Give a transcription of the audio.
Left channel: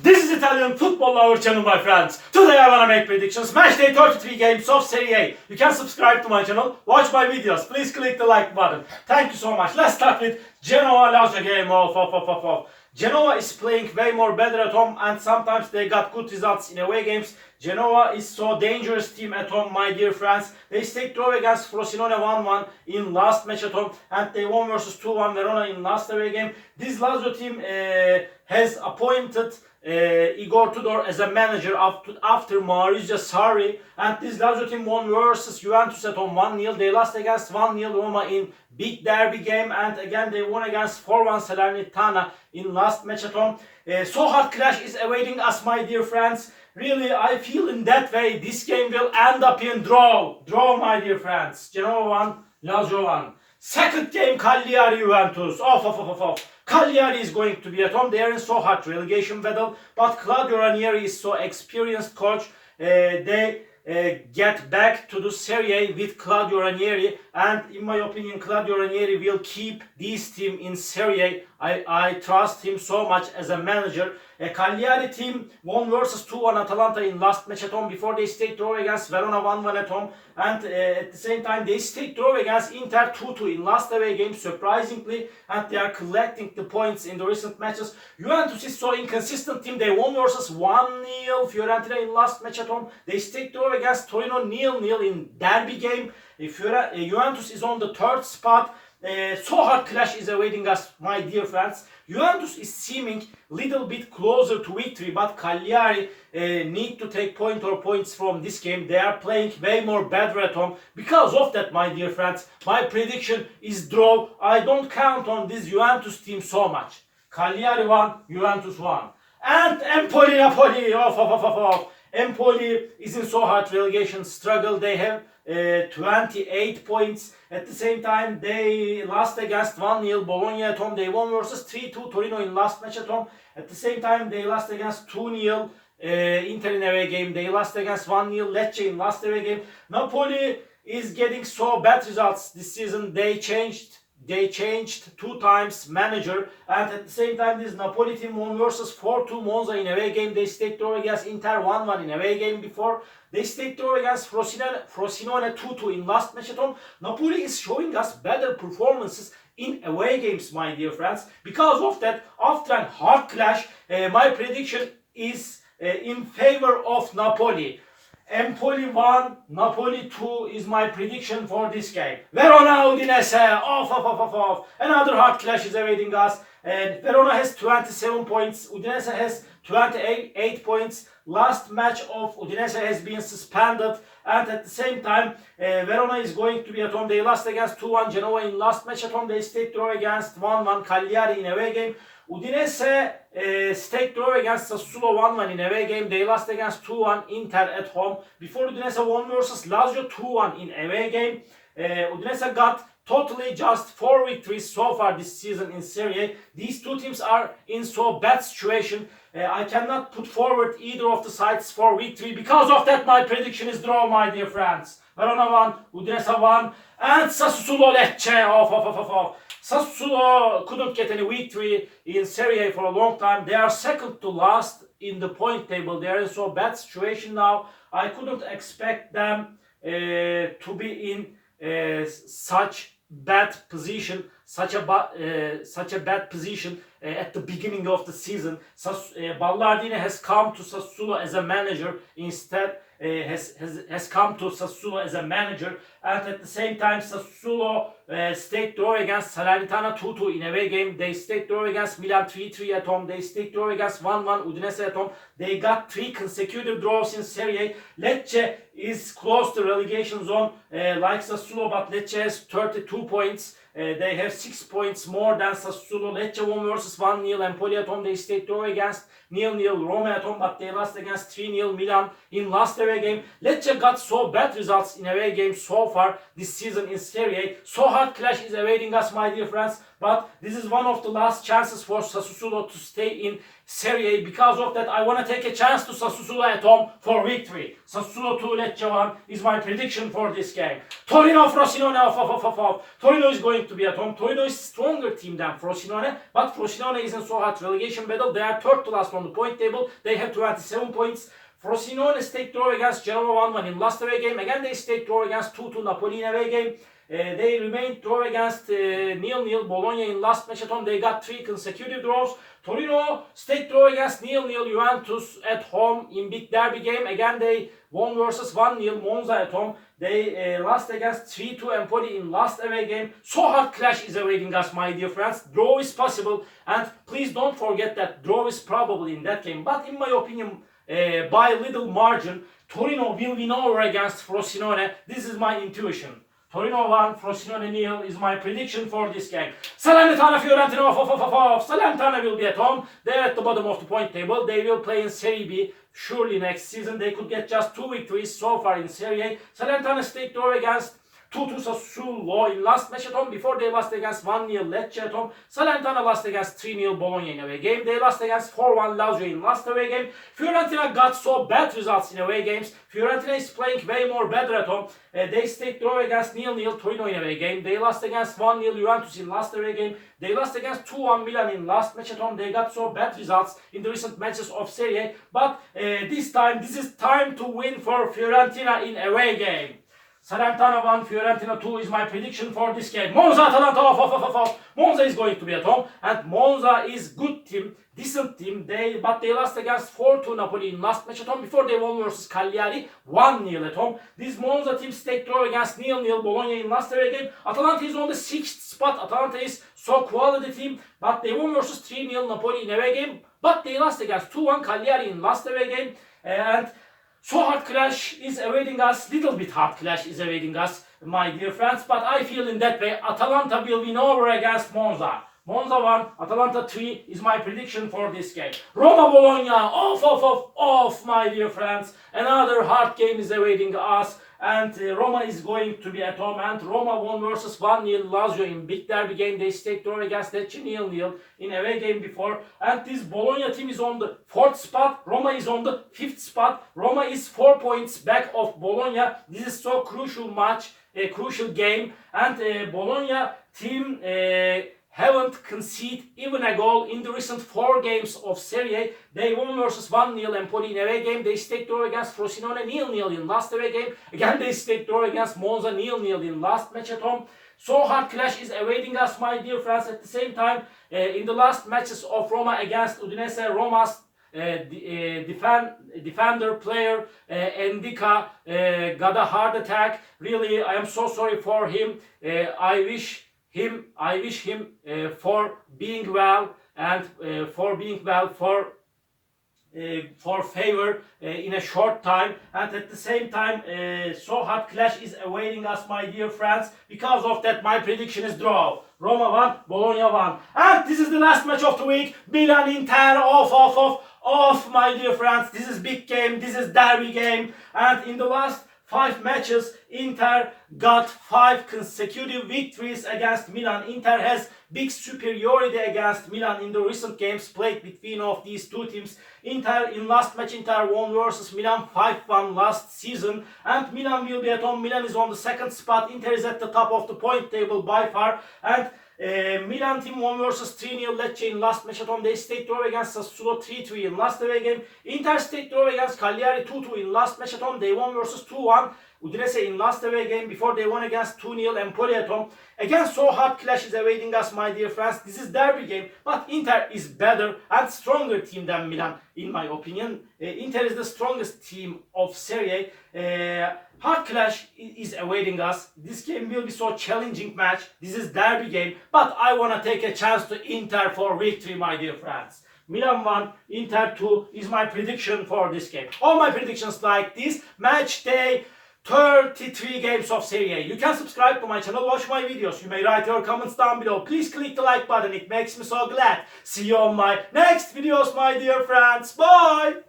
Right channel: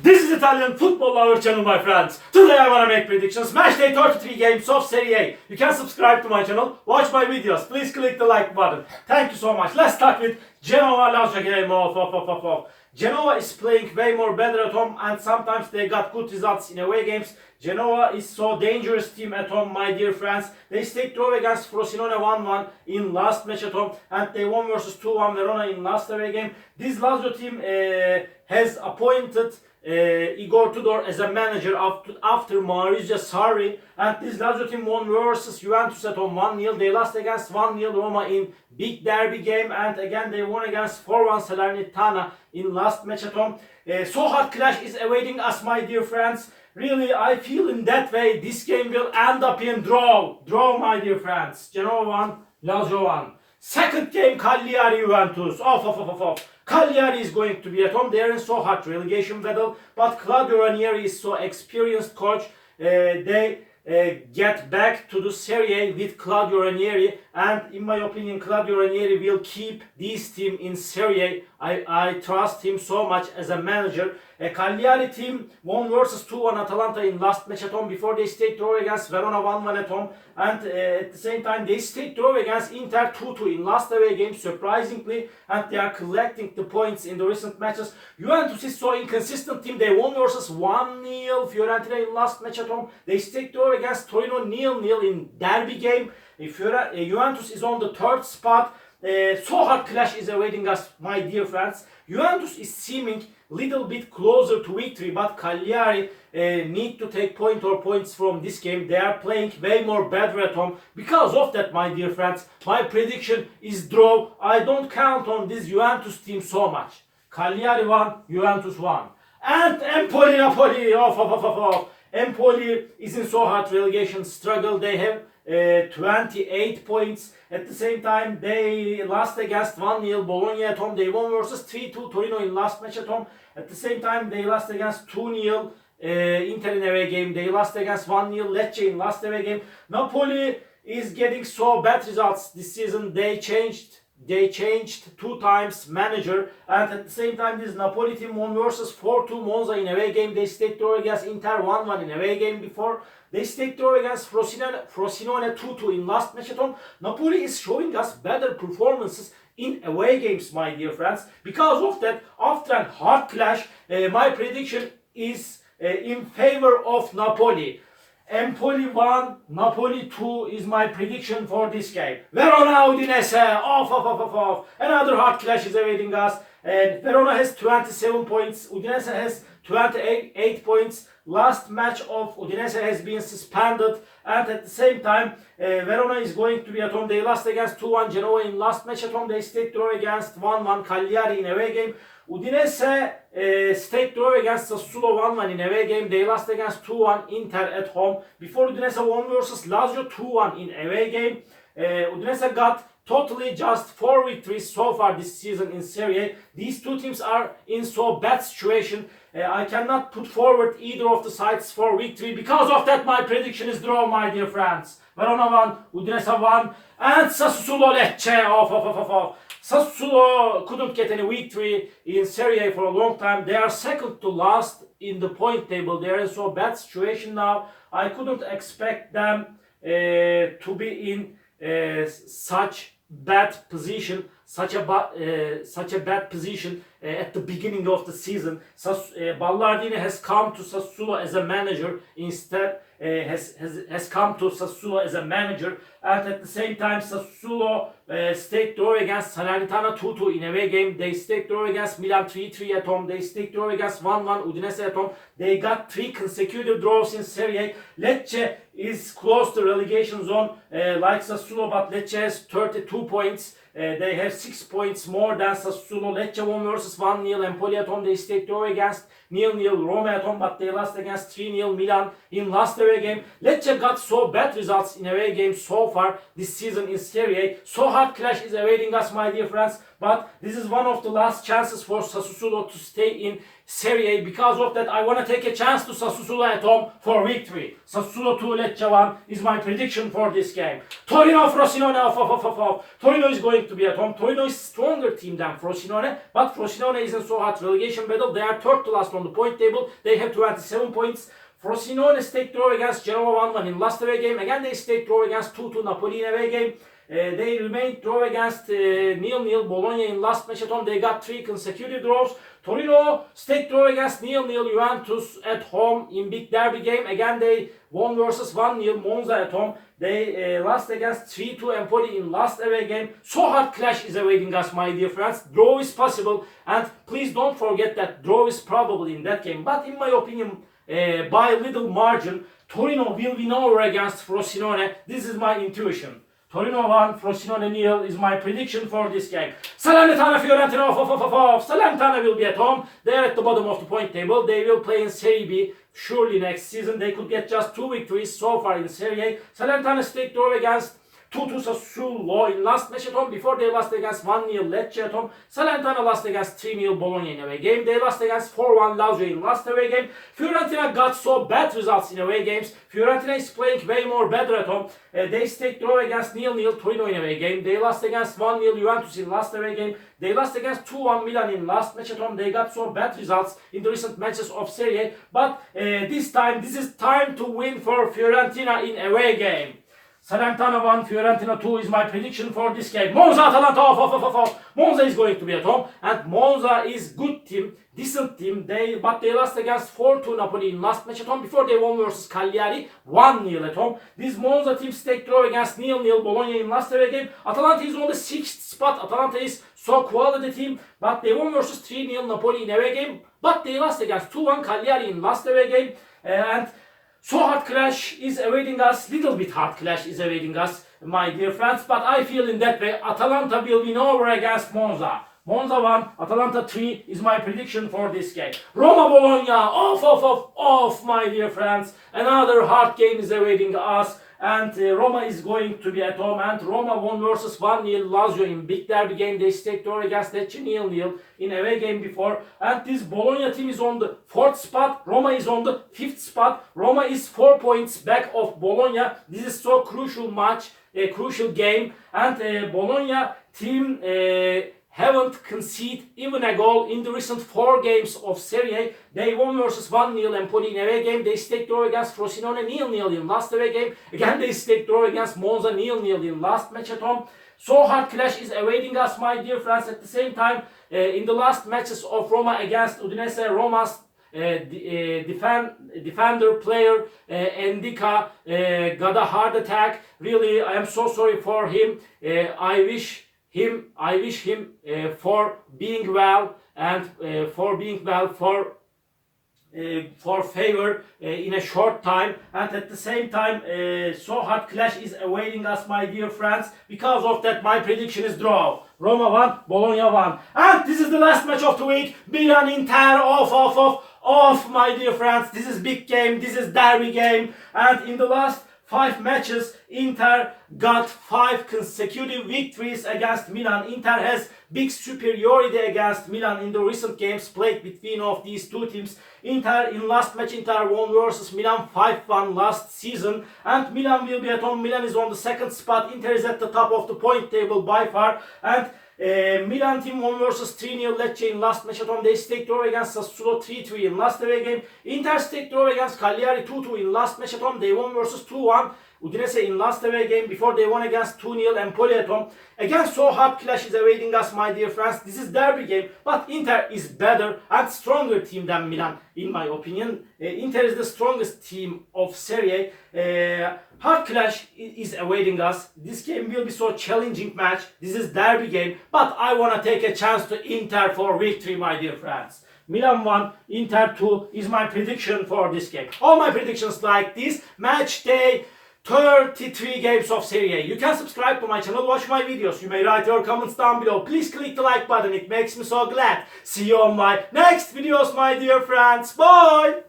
This is Italian football lover channel, my friends. Today I wanna make predictions. Match day 33 games of Serie A. You can subscribe to my channel, watch my videos. Please click the like button. Thank you so much. Let's start with Genoa Lazio game of. Genoa is playing way more better at home, and sometimes they got good results in away games. Genoa is so dangerous team at home, my dear friends. They stayed draw against Frosinone 1-1 in last match at home, and they won versus 2-1 Verona in last away game. This Lazio team has appointed Igor Tudor as a manager after Maurizio Sarri, and this Lazio team won versus Juventus at home 1-0. They lost against 1-0 Roma in big derby game, and again they won against 4-1 Salernitana in last match at home. So hard clash is awaiting us, my dear friends. Really, I feel in that way this game will end up in draw, my dear friends. Genoa 1, Lazio 1. Second game, Cagliari Juventus. Cagliari is going to be at home. They are in so hard relegation battle, but Claudio Ranieri is so experienced coach. They get back to the Serie A with Claudio Ranieri, and in my opinion, Claudio Ranieri will keep this team in Serie A. I trust him so much as a manager. A Cagliari team won versus 2-1 Atalanta in last match at home before they stayed draw against Verona 1-1 at home, and at the same time they stayed draw against Inter 2-2 in last away game, surprisingly, and they are collecting the points in the recent matches. Juventus is so inconsistent team. They won versus 1-0 Fiorentina in last match at home. They stayed draw against Torino 0-0 in derby game. Juventus is on the third spot. So hard clash is awaiting us, my dear friends. Juventus is seeming little bit closer to victory, but Cagliari need to take points from this game. They are playing way more better at home. Because of that, my dear friends, my prediction is draw. I don't count on this Juventus team so much. Cagliari 1, Juventus 1. And Empoli, Napoli. Empoli is in so hard relegation struggle. They have 28 points. At the same time, they lost against 1-0 Bologna at home. They won versus 3-2 Torino in last match at home. At the same time, they lost against 2-0 Inter in away game. They lost against 1-0 Lecce in last away game. Napoli is getting so bad results this season. They changed 2 times manager, and at the same time this Napoli team won versus 4-2 Monza in away game. They stayed draw against Inter 1-1 in away game before. They stayed draw against Frosinone 2-2 in last match at home. Napoli is showing us better performances in away games, my dear friends. Because of that, after a hard clash, my prediction is in favor of Napoli. Empoli 1, Napoli 2 is my prediction for this game. Verona Udinese, Another hard clash is awaiting us. And Verona has 27 points, Udinese has 28 points. Last match of Udinese has been suspended, and at the same time, Verona is going to be at home. They lost against 2-1 Genoa in last match at home. They stayed draw against 1-1 Cagliari in away game. Udinese stayed draw against Sassuolo 1-1 in away game. They lost against 2-1 Inter at home. Before Udinese won versus Lazio 2-1 in away game. Udinese got totally just 4 victories so far this season in Serie A. These two teams are in so bad situation. I cannot put forward either of the sides for victory. Because of that, my prediction is draw, my dear friends. Verona 1, Udinese 1, and Sassuolo Lecce. Sassuolo couldn't get any victory in Serie A for a long time. They are second to last in the point table. They are in so bad situation now. I couldn't expect them to be in such bad position, such a bad position at the beginning of the season. Ballardini has come to Sassuolo as a manager instead. Has come to Sassuolo as a manager, and at the same time Sassuolo stayed draw against Salernitana 2-2 in away game. They stayed draw against Milan 3-3 at home. They stayed draw against 1-1 Udinese at home. They got 3 consecutive draws in Serie A. Lecce is close to relegation zone like Sassuolo, but Lecce has 32 points. They have 6 points more than Sassuolo. Lecce won versus 1-0 Empoli at home. They stayed draw against 0-0 Roma at home, but they lost against 3-0 Milan in last away game. Lecce got so bad results in away games so far this season in Serie A. So hard clash is awaiting us, my dear friends. But this is one of the last chances for Sassuolo to stay in Serie A. Because of that, I want to take a chance to Sassuolo at home for victory. Sassuolo 2, Lecce 1 is my prediction for this game. Torino, Frosinone, off. Torino is going to be at home. Torino is stronger team than Frosinone, but Frosinone isn't so hot. Relegation battle, they are third to last on the point table. They have 27 points. Frosinone stayed draw against Genoa 1-1 in last away game. Again, they stayed draw against 2-2 Napoli in away game. They remained draw against 0-0 Bologna in last match at home. They got 3 consecutive draws. Torino stayed draw against 0-0 Juventus at home in big derby game. Again, they won versus 1-0 Monza at home. They lost against 3-2 Empoli in last away game. So hard clash is awaiting us, my dear friends. Draw is possible, and please don't forget that draw is probable in that game. But in my opinion, by a little margin, Torino will win over against Frosinone. This is my intuition. Torino 1, Frosinone 0 is my prediction for this game. Salernitana, Fiorentina, off. Salernitana will be at home. They're at the bottom of the point table. They will play in Serie B. Surely next season they could get just 2 victories so far in Serie A. Salernitana stayed draw against 2-2 Sassuolo in last match at home. Before they lost against 1-0 Lecce at home. Salernitana lost against 3-0 Bologna in away game. They lost against 4-1 Lazio in last away game. Fiorentina got so bad results in away games. Fiorentina is playing way more better at home. They stayed draw against 0-0 Torino in away game. They lost against 1-0 Juventus in last away game. They lost against 2-1 Milan in last match at home. They got so bad results in the recent matches of Serie A. But this is time to win for Fiorentina in away game. Salernitana 1, Fiorentina 2 is my prediction for this game. Monza, Atalanta, off. Monza is going to be at home, and Monza is good team, decent team. But they lost against 4-2 Napoli in last match at home. Before they won versus Cagliari 1-0 at home. This Monza team stayed draw against 0-0 Bologna in last away game. Atalanta is on the 6th spot. Atalanta is so quality team, but they won versus 3-0 Napoli in away game. But they lost against 2-1 Cagliari in last away game, and so hard clash is awaiting us, little bit hard clash is awaiting us, my dear friends. But I feel in that way, Atalanta will win over against Monza. Monza 1, Atalanta 3 is my prediction for this game. Roma, Bologna, off, my dear friends. Another hard game is awaiting us. And Roma is going to be at home, and Roma won versus 1-0 Lazio in big derby game. They stayed draw against Lecce 0-0 in away game before. And this Bologna team is on the 4th spot. Roma is on the 5th spot. Roma is 4 points back of Bologna. This is so crucial match, a crucial game. And Bologna team haven't conceded even a goal in the recent 4 games of Serie A. They won versus 1-0 Empoli in away game. They stayed draw against Frosinone 0-0 in last away game. Again, they stayed draw against Monza 0-0 in last match at home. So hard clash is awaiting us, my dear friends. At the same time, in the last matches of Roma against Udinese, Roma's defender player Endika got a heart attack. Really, I am so sorry for him. I wish him for being well, and for favor in a short time. And at the same time, so hard clash is awaiting us, my dear friends. Because of that, my prediction is draw. Roma 1, Bologna 1. And this is the last match of the week. Milan, Inter, off, my dear friends. This is big game. This is derby game. And in the last 5 matches, Inter got 5 consecutive victories against Milan. Inter has big superiority against Milan in the recent games played between of these two teams. Inter in last match, Inter won versus Milan 5-1 last season, and Milan will be at home. Milan is on the 2nd spot. Inter is at the top of the point table by far, and Milan team won versus 3-0 Lecce in last match at home. They stayed draw against Sassuolo 3-3 in last away game. Inter stayed draw against Cagliari 2-2 in last match at home. They won versus 2-1 Udinese in last away game before they won against 2-0 Empoli at home. Again, so hard clash is awaiting us, my dear friends. This is derby game, but Inter is better and stronger team than Milan, in my opinion. Inter is the strongest team of Serie A. Hard clash is awaiting us. This game will be so challenging match. This is derby game, but I want to take a chance to Inter for victory, my dear friends. Milan 1, Inter 2 is my prediction for this game. All my predictions like this. Match day 33 games of Serie A. You can subscribe to my channel, watch my videos. You may write your comments down below. Please click the like button. It makes me so glad. See you on my next videos, my dear friends. Bye!